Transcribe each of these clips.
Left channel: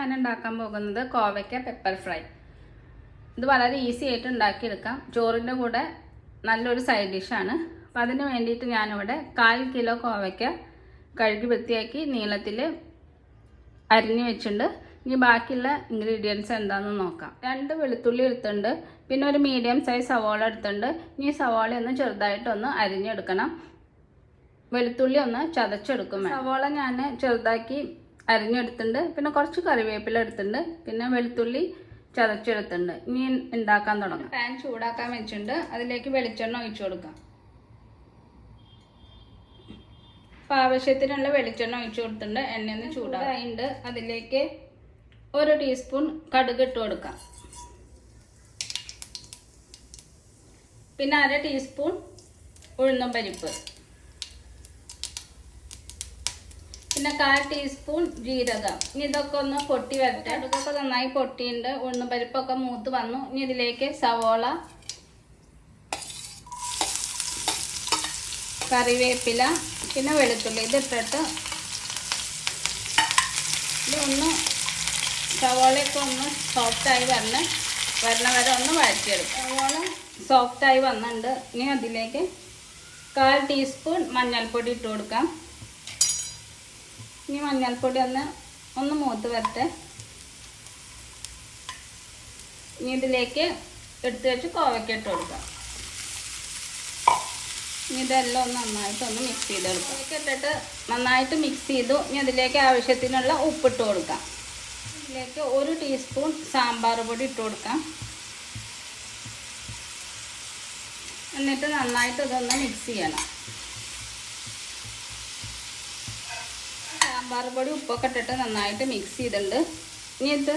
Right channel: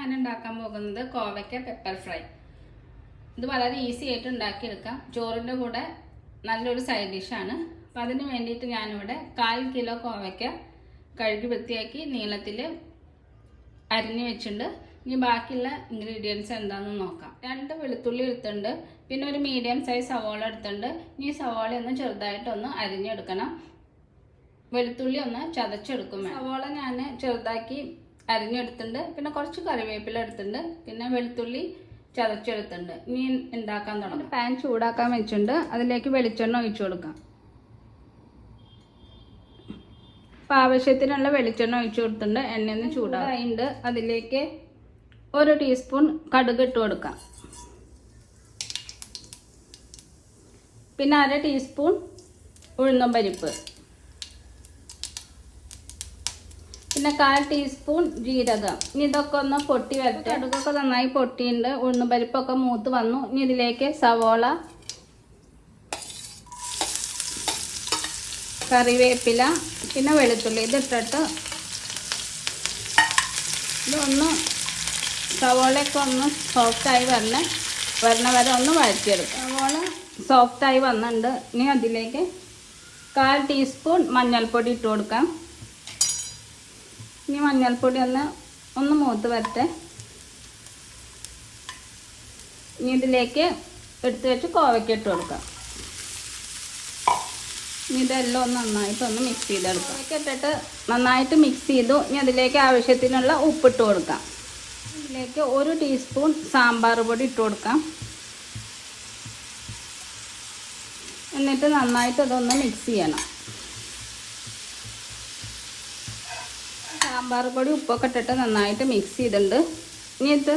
ഞാൻ ഉണ്ടാക്കാൻ പോകുന്നത്. കോവയ്ക്ക പെപ്പർ ഫ്രൈ ഇത് വളരെ ഈസി ആയിട്ട് ഉണ്ടാക്കിയെടുക്കാം. ചോറിന്റെ കൂടെ നല്ലൊരു സൈഡ് ഡിഷാണ് അപ്പം അതിന് വേണ്ടിയിട്ട് ഞാനിവിടെ കാൽ കിലോ കോവയ്ക്ക കഴുകി വൃത്തിയാക്കി നീളത്തിൽ അരിഞ്ഞു വെച്ചിട്ടുണ്ട്. ഇനി ബാക്കിയുള്ള ഇൻഗ്രീഡിയൻസ് എന്താണെന്ന് നോക്കാം. രണ്ട് വെളുത്തുള്ളി എടുത്തുണ്ട് പിന്നെ ഒരു മീഡിയം സൈസ് സവാള എടുത്തുണ്ട് ഇനി സവാള ഒന്ന് ചെറുതായിട്ടൊന്ന് അരിഞ്ഞെടുക്കണം. വെളുത്തുള്ളി ഒന്ന് ചതച്ചെടുക്കും. സവാള ഞാൻ ചെറുതാക്കി അരിഞ്ഞെടുത്തിട്ടുണ്ട്. പിന്നെ കുറച്ച് കറിവേപ്പില എടുത്തിട്ടുണ്ട്. പിന്നെ വെളുത്തുള്ളി ചതച്ചെടുത്തിട്ടുണ്ട്. ഇനി ഉണ്ടാക്കാൻ തുടങ്ങാം. പാൻ ചൂടാക്കാൻ വെച്ചിട്ടുണ്ട്. അതിലേക്ക് വെളിച്ചെണ്ണ ഒഴിച്ചു കൊടുക്കാം. അപ്പം ആവശ്യത്തിനുള്ള വെളിച്ചെണ്ണ ഒഴിച്ചു കൊടുത്തിട്ടുണ്ട്. എണ്ണയൊന്ന് ചൂടായിട്ടുണ്ട്. അതിലേക്ക് ഒരു ടീസ്പൂൺ കടുക് ഇട്ട് കൊടുക്കാം. പിന്നെ അര ടീസ്പൂൺ ഉഴുന്നും പരിപ്പ്. പിന്നെ കാൽ ടീസ്പൂൺ ജീരകം. ഇനി ഇതൊക്കെ ഒന്ന് പൊട്ടി വരട്ടെ. അടുക്കൊക്കെ നന്നായി പൊട്ടിയിട്ടുണ്ട് ഉണ്ണുപരിപ്പൊക്കെ പരിപ്പൊക്കെ മൂത്ത് വന്നു. ഇനി ഇതിലേക്ക് സവോള കറിവേപ്പില പിന്നെ വെളുത്തുള്ളി. ഇതിട്ടിട്ട് ഇതൊന്ന് സവോളയൊക്കെ ഒന്ന് സോഫ്റ്റായി വരണം വരണ വരെ ഒന്ന് വഴറ്റിയെടുക്കും. സവോള സോഫ്റ്റായി വന്നിട്ടുണ്ട്. ഇനി അതിലേക്ക് കാൽ ടീസ്പൂൺ മഞ്ഞൾപ്പൊടി ഇട്ട് കൊടുക്കാം. ഇനി മഞ്ഞൾപ്പൊടി ഒന്ന് ഒന്ന് മൂത്ത് വരട്ടെ. ഇനി ഇതിലേക്ക് എടുത്തു വെച്ച് കോവയ്ക്ക് ഇട്ട് കൊടുക്കാം. ഇനി ഇതെല്ലാം ഒന്ന് നന്നായിട്ട് ഒന്ന് മിക്സ് ചെയ്തെടുക്കാം. ഇട്ടിട്ട് നന്നായിട്ട് മിക്സ് ചെയ്തു. ഇനി അതിലേക്ക് ആവശ്യത്തിനുള്ള ഉപ്പിട്ട് കൊടുക്കാം. ഇതിലേക്ക് ഒരു ടീസ്പൂൺ സാമ്പാർ പൊടി ഇട്ട് കൊടുക്കാം. എന്നിട്ട് നന്നായിട്ട് അതൊന്ന് മിക്സ് ചെയ്യണം. സാമ്പാർ പൊടി ഉപ്പൊക്കെ ഇട്ടിട്ട് നന്നായിട്ട് മിക്സ് ചെയ്തിട്ടുണ്ട്. ഇനി ഇത്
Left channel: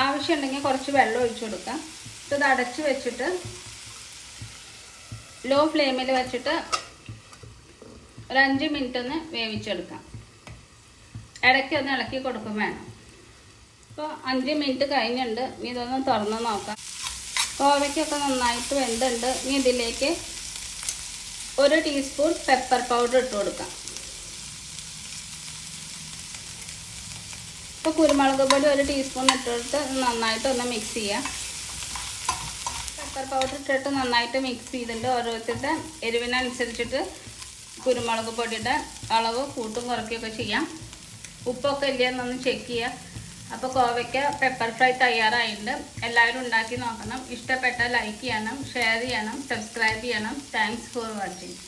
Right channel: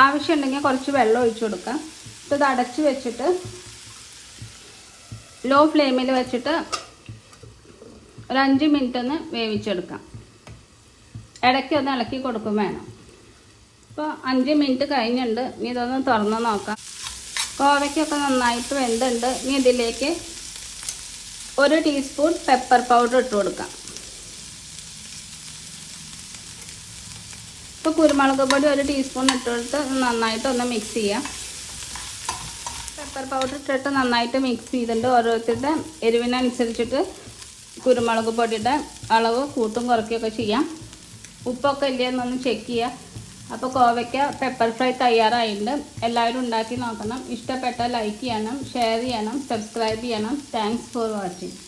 ആവശ്യമുണ്ടെങ്കിൽ കുറച്ച് വെള്ളം ഒഴിച്ചു കൊടുക്കാം. ഇത് അടച്ച് വെച്ചിട്ട് ലോ ഫ്ലെയിമിൽ വെച്ചിട്ട് ഒരു അഞ്ച് മിനിറ്റ് ഒന്ന് വേവിച്ചെടുക്കാം. ഇടയ്ക്ക് ഒന്ന് ഇളക്കി കൊടുക്കും വേണം. ഇപ്പോൾ അഞ്ച് മിനിറ്റ് കഴിഞ്ഞിട്ടുണ്ട്. ഇനി ഇതൊന്ന് തുറന്ന് നോക്കാം. കോവയ്ക്കൊക്കെ നന്നായിട്ട് വെന്തുണ്ട്. ഇനി ഇതിലേക്ക് ഒരു ടീസ്പൂൺ പെപ്പർ പൗഡർ ഇട്ട് കൊടുക്കാം. ഇപ്പോൾ കുരുമുളക് പൊടി ഒരു ടീസ്പൂൺ ഇട്ട് നന്നായിട്ട് ഒന്ന് മിക്സ് ചെയ്യാം. പെപ്പർ പൗഡർ ഇട്ടിട്ട് നന്നായിട്ട് മിക്സ് ചെയ്തിട്ട് ഓരോരുത്തരുടെ എരിവിനനുസരിച്ചിട്ട് കുരുമുളക് പൊടിയുടെ അളവ് കൂട്ടും കുറയ്ക്കുകയൊക്കെ ചെയ്യാം. ഉപ്പൊക്കെ ഇല്ലയെന്നൊന്ന് ചെക്ക് ചെയ്യാം. അപ്പോൾ കോവയ്ക്ക പെപ്പർ ഫ്രൈ തയ്യാറായിട്ടുണ്ട്. എല്ലാവരും ഉണ്ടാക്കി നോക്കണം. ഇഷ്ടപ്പെട്ടാൽ ലൈക്ക് ചെയ്യണം ഷെയർ ചെയ്യണം സബ്സ്ക്രൈബ് ചെയ്യണം. Thanks for watching